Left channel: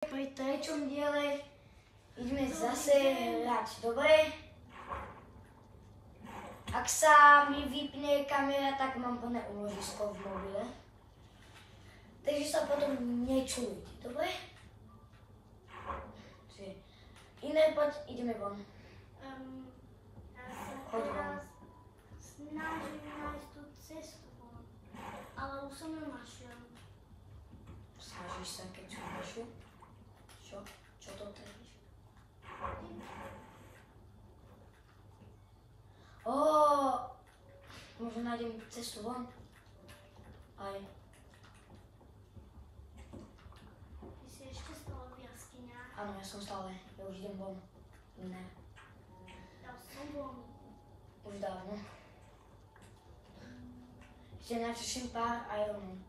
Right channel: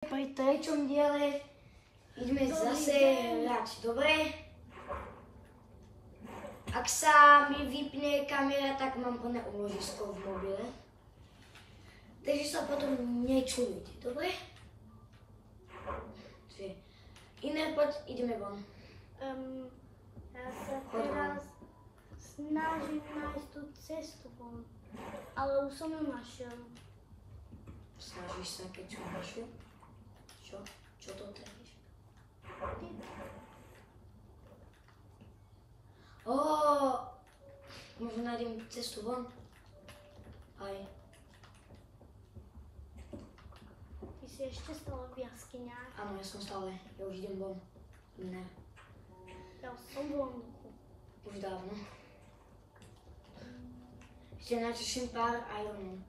Pri treťom diele ideme zase hrať, dobre? Ak sa mi vypne kamera, tak mám plné úložisko v mobile. Takže sa potom nečujete, dobre? Iné, poď, ideme von. Ja sa teraz snažím nájsť tú cestu von, ale už som ju našiel. Snažíš sa, keď som našiel? Čo to trápiš? Možno nájdem cestu von. Aj. Ty si ešte stále v jaskyniach? Áno, ja som stále. Ja už idem von. Ne. Ja som von. Už dávno. Ešte načeším pár ironov.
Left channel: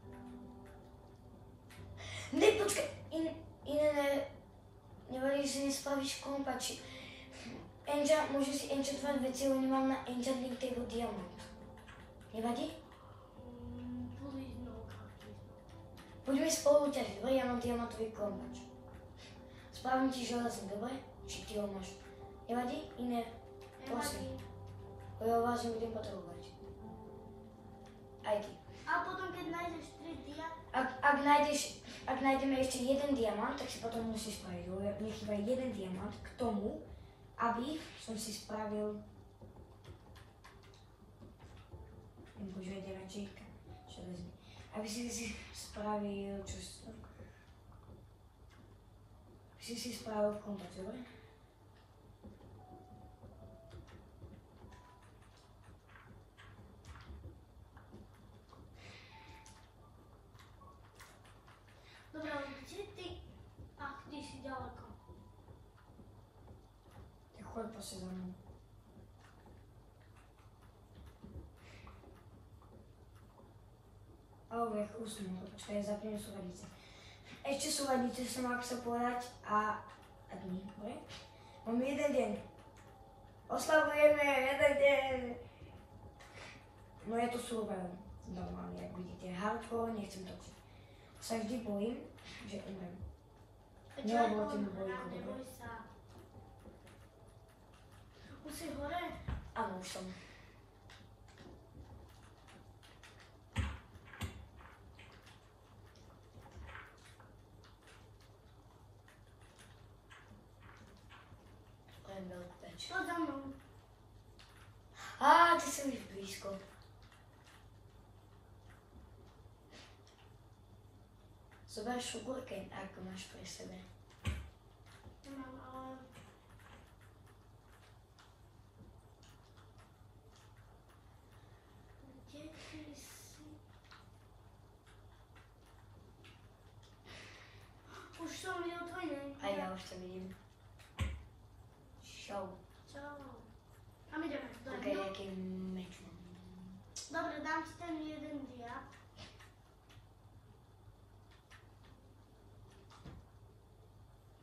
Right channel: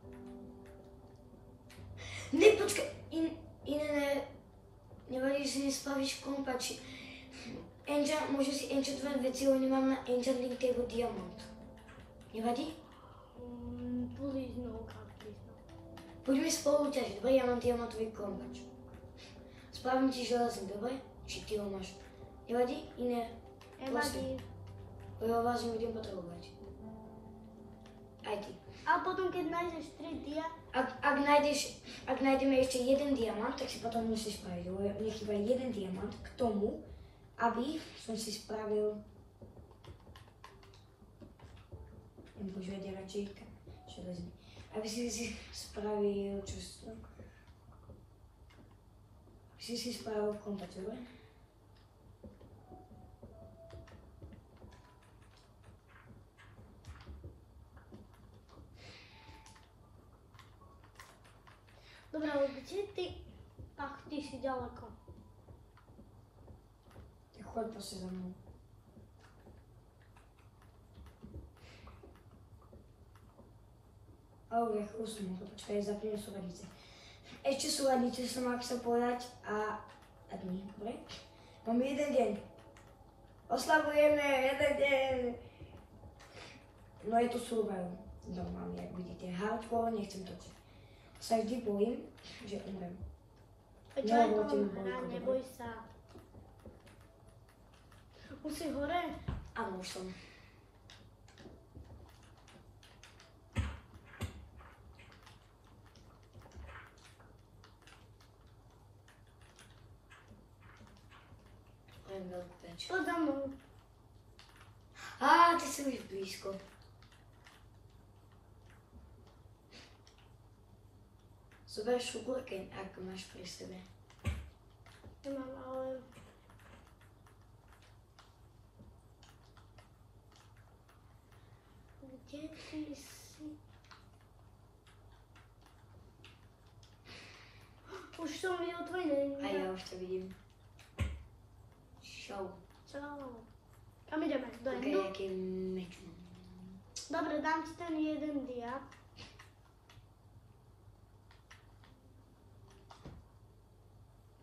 Ne, počkaj. Nevadí, že si nespravíš kompa, či... Môžu si enchantovať veci, ale nemám na enchanting table diamant. Nevadí? Please no, please no. Poďme spolu ťažiť, dobre? Ja mám diamantový kompač. Spravím ti železný, dobre? Či ty ho máš. Nevadí? Iné? Nevadí. Lebo vás nebudem potrebovať. Aj ty. A potom, keď nájdeš 3 dia... Ak nájdeme ešte jeden diamant, tak si potom musíš spraviť. Mne chýba jeden diamant k tomu, aby som si spravil... Nepoužívať radšejka. Železný. Aby si spravil... Čo si to? Aby si spravil kontakt, dobre? Dobre, ale kde ty? Ach, ty si ďaleko. Tak choď proste za mnou. Ale už som mohol, počkaj, zapnem súvadice. Ešte súvadice som mal chcel povedať a dní, dobre? Máme jeden deň. Oslavujeme jeden deň. No je to survival. Normálne, jak vidíte. Hardcore, nechcem točiť. Sa vždy bojím, že umrem. Čo je to? Neboj sa. Už si hore? Áno, už som. Poď za mnou. Ty si už blízko. Zober šugurkeň, ako máš pri sebe. Nemám, ale... Kde ty si? Už som videl tvoj deň. A ja už to vidím. Show. Čau. Kam ideme? Do Ok, jednu? aký meč mám. Dobre, dám ti ten jeden dia.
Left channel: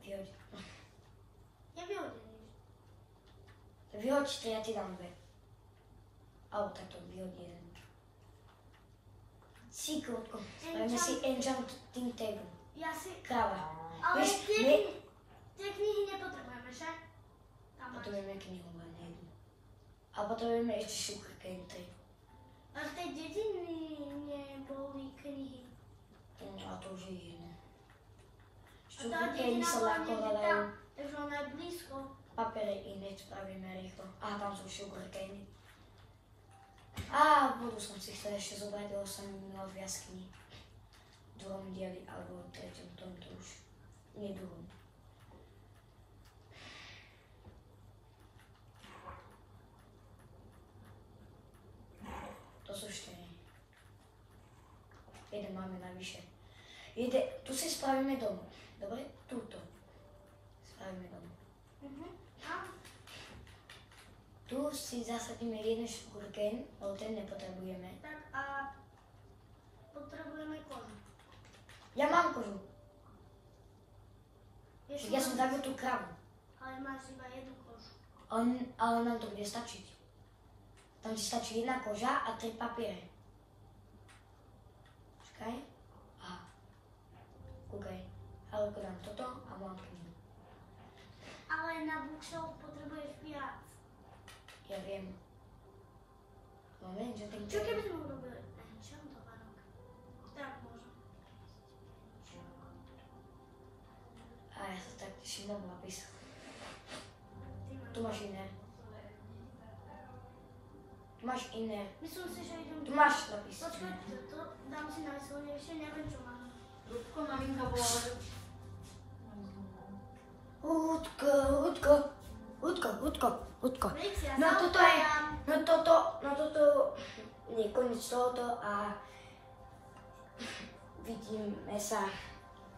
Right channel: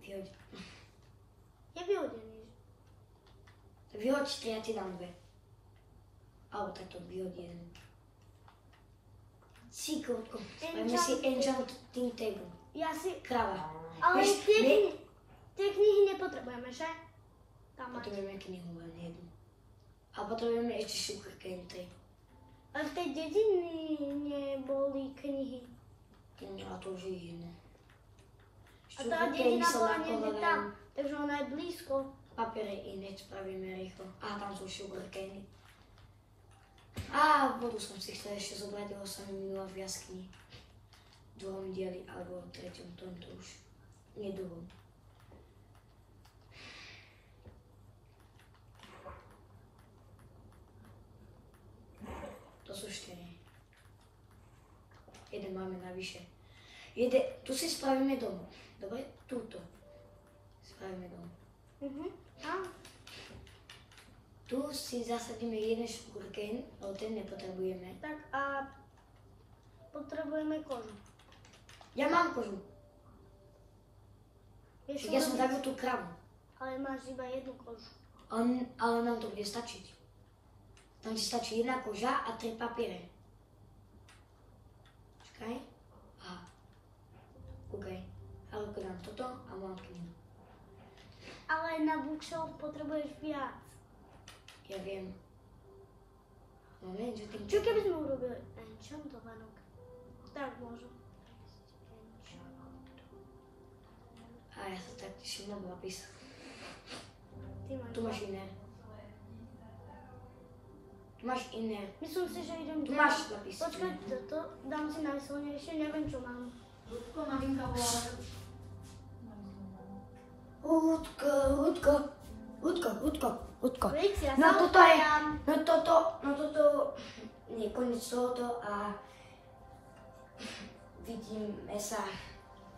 Vyhoď. Je vyhodený. Vyhoď 3, ja ti dám 2. Alebo takto, vyhoď 1. Cíkrotko. Spravíme si enchanting table. Ja si... Kráva. Ale Vieš, tie knihy nepotrebujeme, že? Tam mať. Potrebujeme knihu len jednu. A potrebujeme ešte sugarcane 3. Ale v tej dediny neboli knihy. A to už je iné. A tá dedina bola niekde tam, takže ona je blízko. Papier je iné, spravíme rýchlo. Tam sú sugarcane. Vodu som si chcel ešte zobrať, lebo som ju minula v jaskyni. V druhom dieli, alebo v treťom, tomto už nie druhom. To sú 4. Jeden máme navyše. Tu si spravíme dom. Dobre? Túto. Spravíme dom. Tu si zasadíme jeden sugarcane, ale ten nepotrebujeme. Tak a potrebujeme kožu. Ja mám kožu. Ja som zabil tú kravu. Ale máš iba jednu kožu. Ale nám to bude stačiť. Tam ti stačí jedna koža a 3 papiere. Počkaj. Kúkaj. Ale keď dám toto a mám knihu. Ale aj na bookshelf potrebuješ viac. Ja viem. No viem, že tým... Čo keby sme urobili enchantovanok? Tak môžem. A ja sa tak teším na nápis. Ty Tu máš iné. Tu máš iné. Myslím si, že idem... Tu máš nápis. Počkaj, toto dám si na vyslenie, ešte neviem, čo mám. Ľudko, maminka bola... Ľudko. Víc, ja No sa toto je, opájam. no toto je koniec tohoto a vidíme sa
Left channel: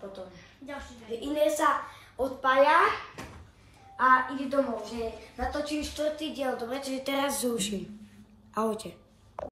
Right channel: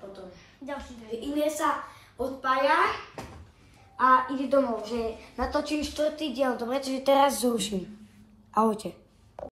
potom. Ďalší deň. Iné sa odpája a ide domov, že natočím 4. diel, dobre, čiže teraz zruším. Ahojte.